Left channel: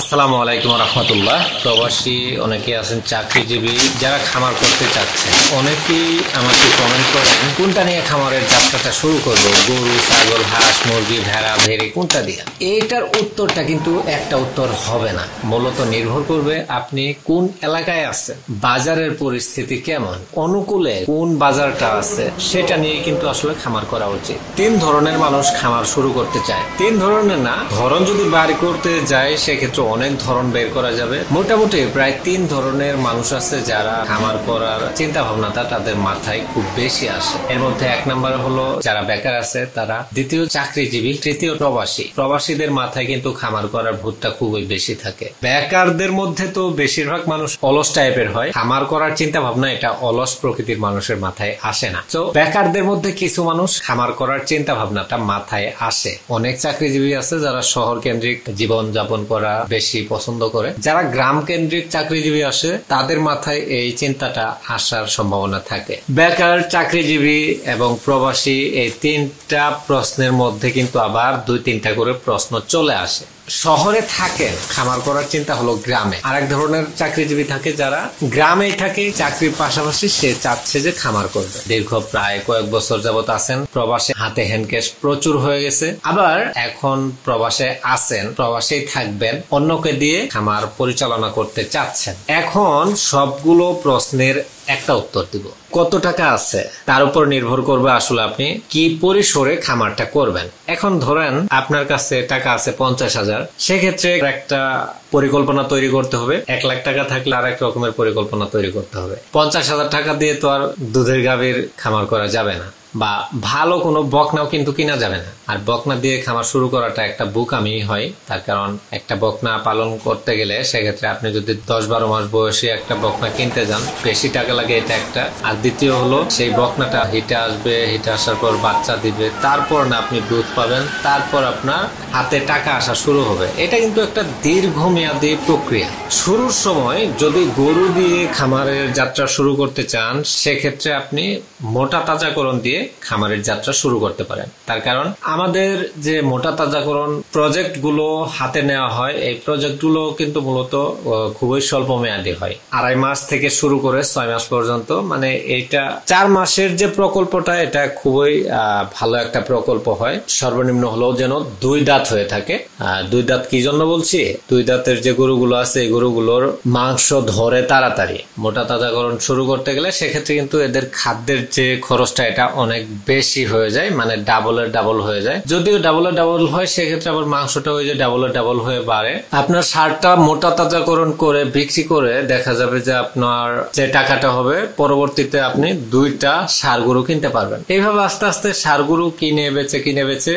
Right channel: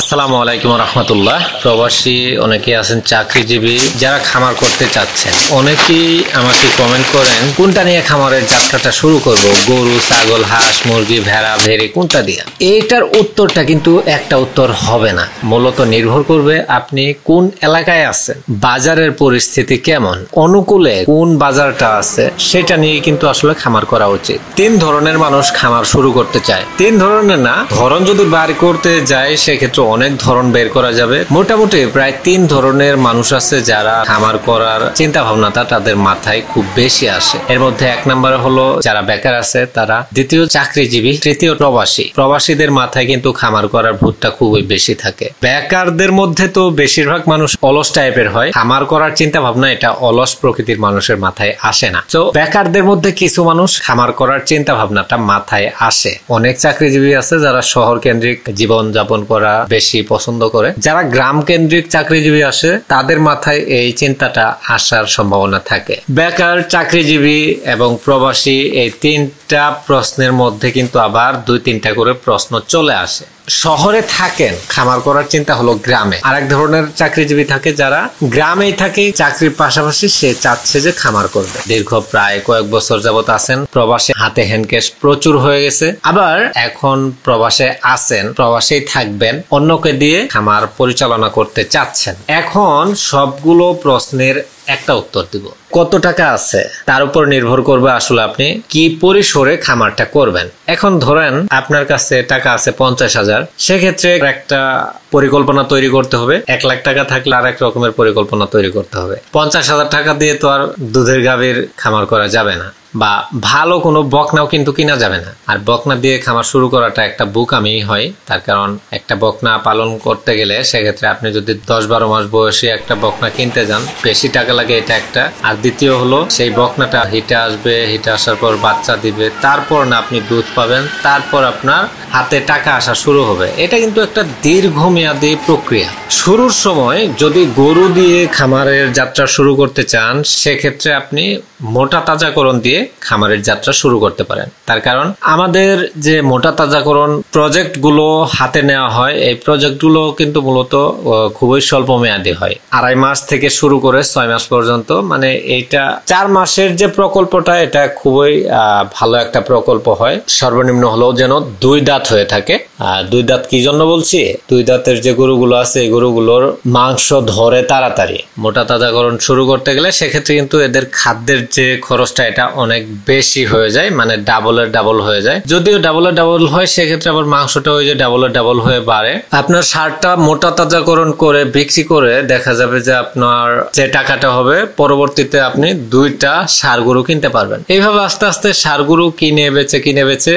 আসসালামু আলাইকুম রহমতুল্লাহ। প্রবাসী অনেকে আছেন, চাকরিজীবী যারা খামার করতে চাচ্ছেন, অনেকেই আমাকে কমেন্ট করেন কোনটা নিয়ে খামারের যাত্রাটা শুরু করব, গরু, ছাগল, হাঁস, মুরগি, ভেড়া, ভেড়ি কোনটা দিয়ে। এইটার উত্তরটা কিন্তু একটা উত্তর হবে না, মূলত নির্ভর করবে আপনি কোন এলাকায় আছেন, বাজারের পরিস্থিতি কেমন, অনুকূলে কোন বাজারটা আছে, সেটা নিয়ে কিন্তু আসলে খামার করা উচিত। তিন ধরনের মানুষ খামার শুরু করতে চায়, তিন ধরনের না, ধরন যদি বার করতে যায় সেক্ষেত্রে অনেক ধরন বের করা যাবে। মোটামুটি প্রায় তিন ধরনের মানুষ আছে যারা খামার করার চিন্তা ভাবনাটা তাদের মাথায় খুব বেশি আসে। এর মধ্যে এক নম্বরে হলো যারা বেকার আছে তারা, দ্বিতীয় চাকরিজীবী, তৃতীয় প্রবাসী। প্রবাসীদের মাথায় কিন্তু খামার করার ভূতটা খুবই বেশি থাকে। বেকারদের মধ্যে তো বেশিরভাগ মানুষ অলস টাইপের হয়, খামার করার চিন্তা ভাবনা এটা অলস প্রকৃতির মানুষের মাথায় আসে না। তো বেকারদের মধ্যে কিছু মানুষ খামার করার চিন্তা ভাবনাটা মাথায় আসে। অনেক চাকরিজীবী আছে যারা শহর কেন্দ্রিক জীবন যাপন করা বেশি পছন্দ করে। যারা গ্রাম কেন্দ্রিক চাকরিজীবী আসে তাদের মাথায় এই চিন্তাটা আসার সম্ভাবনা থাকে। বেকার, চাকরিজীবী এবং প্রবাসী এই তিনটা প্রশ্নের মধ্যে কিন্তু আবার দুই তিনটা করে প্রশ্ন চলে আসে। শহরে থাকেন, খামার করার চিন্তা হলো গ্রামে। আরেক ধরনের চাকরিজীবী থাকে যারা গ্রামেই থাকে, চাকরির পাশাপাশি সে চাচ্ছে যে খামার করবে। দীর্ঘ প্রায় কয়েক বছর যাবত আছেন প্রবাসে, হাতে হ্যান্ডক্যাশ প্রচুর হয়ে গেছে। আবার এখন প্রবাসে আছেন, প্রবাসেই থাকবেন, অন্যকে দিয়ে খামার পরিচালনা করতে চাচ্ছেন। এখন সবগুলো প্রশ্নের একটা উত্তর দিব। কত টাকা আছে তার উপর নির্ভর করবে আসলে আপনি কি পরিসরে খামারটা করবেন। এখন ধরেন আপনার কাছে টাকা আছে 50,000, সেক্ষেত্রে একটা পরিকল্পনা তৈরি করতে হবে। 1 লাখ টাকা থাকলে আর এক রকমের পরিকল্পনা তৈরি করতে হবে। 50,000 টাকা দিয়ে তো আর দুধের গাভীর খামার করা যাবে না, বা ভালো কোনো বকনাও কিন্তু কিনা যাবে না। আর বকনা দিয়ে খামার শুরু করাটা একটা বোকামি হয়, তার কারণ একটা বকনা পালন করতে গেলে সেক্ষেত্রে আপনি যদি 10-12 মাস বয়সে একটা বকনা কিনতে যান, বেশি টাকা লাগে, এটা একটা। আর দ্বিতীয় হলো সেই বকনাটা হিটে আসবে, হিটে আসার পর বাচ্চা দিবে, তারপর না আপনি দুধ পাবেন, তারপর আপনার হাতে টাকা আসা শুরু হবে। এটা কিন্তু একটা দীর্ঘমেয়াদী প্রক্রিয়া। শুরুর সময় যদি গরু দিয়ে খামারের যাত্রা শুরু করতে চান, সেক্ষেত্রে আপনি মোটা তাজাকরণ দিয়ে খামারের যাত্রা শুরু করতে পারেন। তার কারণ আমাদের যে মোটা তাজাকরণ প্রজেক্ট গুলো হাতে নেওয়া হয়, এই প্রজেক্ট গুলো কিন্তু মূলত খুবই স্বল্প মেয়াদী হয়। 2.5 মাস থেকে শুরু করে 6 মাস পর্যন্ত, মানে এইটা 4 মাসের যে প্রকল্পটা, এটা খুবই ভালো একটা প্রকল্প হয়। সর্বনিম্ন হলেও যেন 2 দাঁত হয়ে থাকে। 2 দাঁত কি জন্য বলছি, 2 দাঁতের যে গরুগুলো আছে এই গরুগুলোর মাংস ধরে তাড়াতাড়ি। মোটা তাজাকরণ শুরু করতে গেলে সেক্ষেত্রে কিন্তু এদের খাদ্যের যে খরচটা এটা অনেক বেশি হয়ে যায়, মানে ডাবলের ডাবল হয়ে যায়। যদিও ডাবলের ডাবল হয়, সেক্ষেত্রে আবার মাংসটা ওই যে ডাবলের ডাবল হয়ে বাড়ে। আপনার সারটা মোটা তাজাকরণ করে বিক্রি করে দেখা যাবে যে আপনার যে টাকাটা হবে, পরবর্তীতে আপনি 2টা ষাঁড় গরু কিনতে পারবেন। এইভাবে আস্তে আস্তে ষাঁড় গরু কিনে বেচে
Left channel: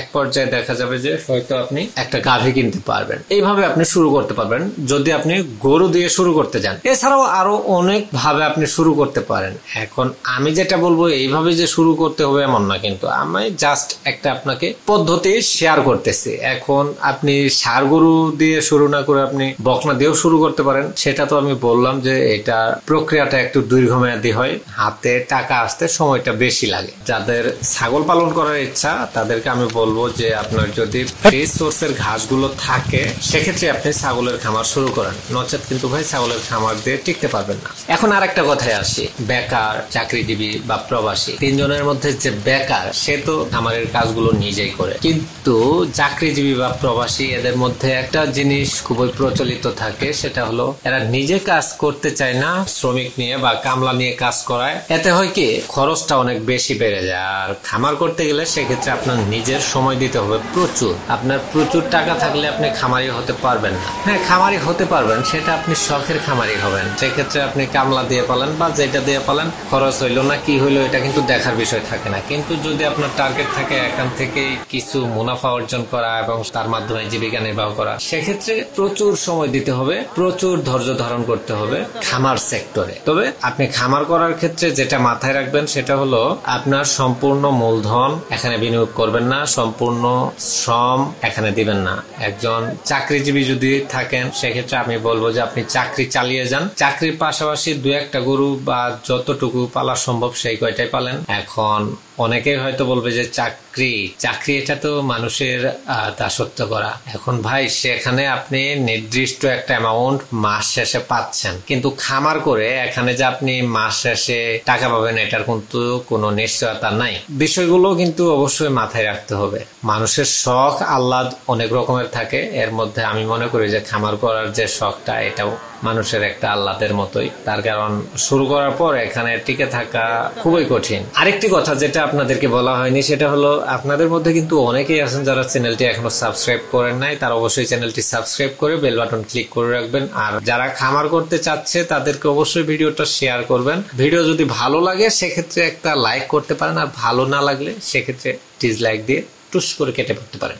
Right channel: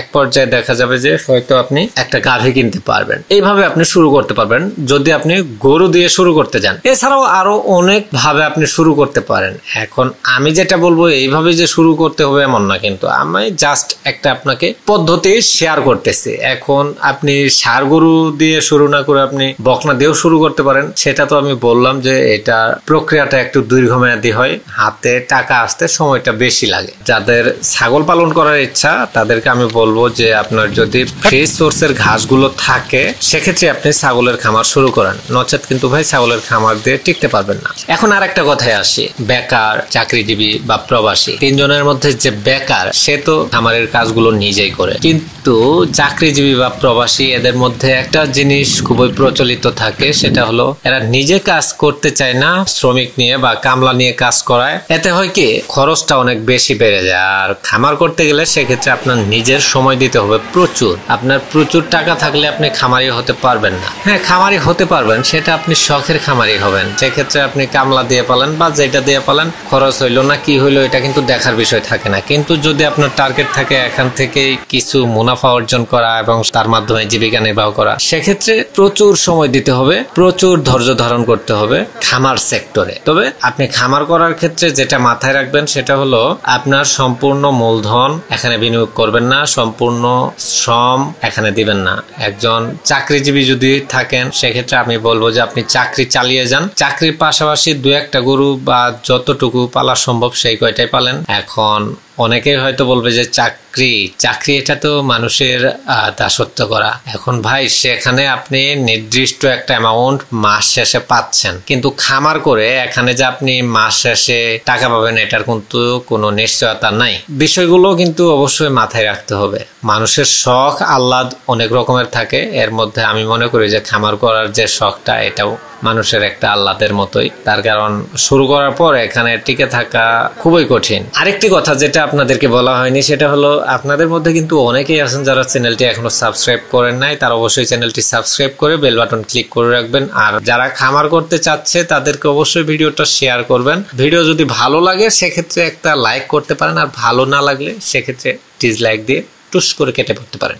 এক পর্যায়ে দেখা যাবে যে হয়তো আপনি একটা গাভী কিনতে পারবেন। এইভাবে আপনি শুরু করতে পারবেন যদি আপনি গরু দিয়ে শুরু করতে যান। এছাড়াও আরো অনেক ভাবে আপনি শুরু করতে পারেন। এখন আমি যেটা বলবো এইভাবে যে শুরু করতে হবে এমন না, কিন্তু আমি জাস্ট একটা আপনাকে পদ্ধতি শেয়ার করতেছি। এখন আপনি ষাঁড় গরু দিয়ে শুরু না করে আপনি বকনা দিয়েও শুরু করতে পারেন। সেটা তো আমি বললাম যে এটা প্রক্রিয়াটা একটু দীর্ঘমেয়াদী হয়, হাতে টাকা আসতে সময়টা বেশি লাগে। যাদের ছাগল পালন করার ইচ্ছা তাদেরকে আমি বলবো যে আপনার যদি ফ্রি সোর্সের ঘাসগুলো থাকে সেক্ষেত্রে আপনি ছাগলের খামার শুরু করেন, নচেত কিন্তু ভাই ছাগলের খামার দিয়ে টিকতে পারবেন না। এখন আরেকটা কথায় আসি, বেকার, চাকরিজীবী বা প্রবাসী, তিনজনের মধ্যে যে বেকার সে তো খামারের কাজগুলো নিজেই করে, কিন্তু চাকরিজীবী বা প্রবাসী এদের মধ্যে একটা জিনিস খুবই প্রচলিত থাকে, সেটা হলো এরা নিজে কাজ করতে চায় না, শ্রমিক নিয়ে বা কামলা নিয়ে কাজ করায়। এতে হয় কি, খরচটা অনেক বেশি বেড়ে যায়। আর খামার করতে গেলে সেক্ষেত্রে আপনার নিজের সময় দিতে হবে প্রচুর। আপনার প্রচুর টাকা থাকলে আপনি খামারি হতে পারবেন না। হ্যাঁ, খামারি হতে পারবেন, সেটা আপনি শখের খামারি হবেন। সেক্ষেত্রে আপনি কামলা দিয়ে পালেন বা যেটা দিয়ে পালেন, খরচ হইলো না কি হইলো এটা কিন্তু দেখার বিষয় থাকে না। কিন্তু যদি আপনার টার্গেট থাকে এখান থেকে কিছু মুনাফা অর্জন করা এবং তার মাধ্যমে জীবিকা নির্বাহ করা, সেক্ষেত্রে প্রচুর সময় দিতে হবে, প্রচুর ধৈর্য ধারণ করতে হবে খামার সেক্টরে। তবে আপনি খামার করার ক্ষেত্রে যেটা মাথায় রাখবেন সেটা হলো আপনার সম্পূর্ণ মূলধন এখানে বিনিয়োগ করবেন না, সম্পূর্ণ শ্রম এখানে দিবেন না। একজন চাকরিজীবী যদি থাকেন সেক্ষেত্রে আমি বলবো যে আপনি চাকরি চালিয়ে যান, চাকরির পাশাপাশি 2-1টা গরু বা যতটুকু পালা সম্ভব সেই কয়টাই পালেন। এখন অনেকেই হয়তো বলবে যে চাকরি এটা তো মানুষের দাসত্ব করা। এখন ভাই সেখানে আপনি নির্দিষ্ট একটা অ্যামাউন্ট মাস শেষে পাচ্ছেন, কিন্তু খামার করে এখানে যে আপনি মাস শেষে টাকা পাবেন এটার কিন্তু কোনো নিশ্চয়তা নাই। বিষয়গুলো কিন্তু অবশ্যই মাথায় রাখতে হবে। মানুষের শখ আহ্লাদ অনেক রকমের থাকে, এর মধ্যে আমি মনে করি যে খামার করার যে শখটা এটাও মানুষের একটা আহ্লাদের মতোই। তার কারণ শুরু করার পর এখানে টিকে থাকা খুবই কঠিন। আরেকটি কথা যেটা আপনাদেরকে বলা হয়নি সেটা হলো, আপনাদের মধ্যে কিন্তু অনেকেই আছেন যারা চ্যানেলটি এখনো সাবস্ক্রাইব করেন নাই, তারা অবশ্যই চ্যানেলটি সাবস্ক্রাইব করে বেল বাটন ক্লিক করে রাখবেন। আর যারা খামার করতে চাচ্ছে তাদেরকে অবশ্যই ভিডিওটা শেয়ার করবেন। ভিডিও যদি ভালো লাগে সেক্ষেত্রে একটা লাইক করতে পারেন, আর ভালো না লাগলে সেক্ষেত্রে ডিসলাইক দিয়ে টুস করে কেটে পড়তে পারেন।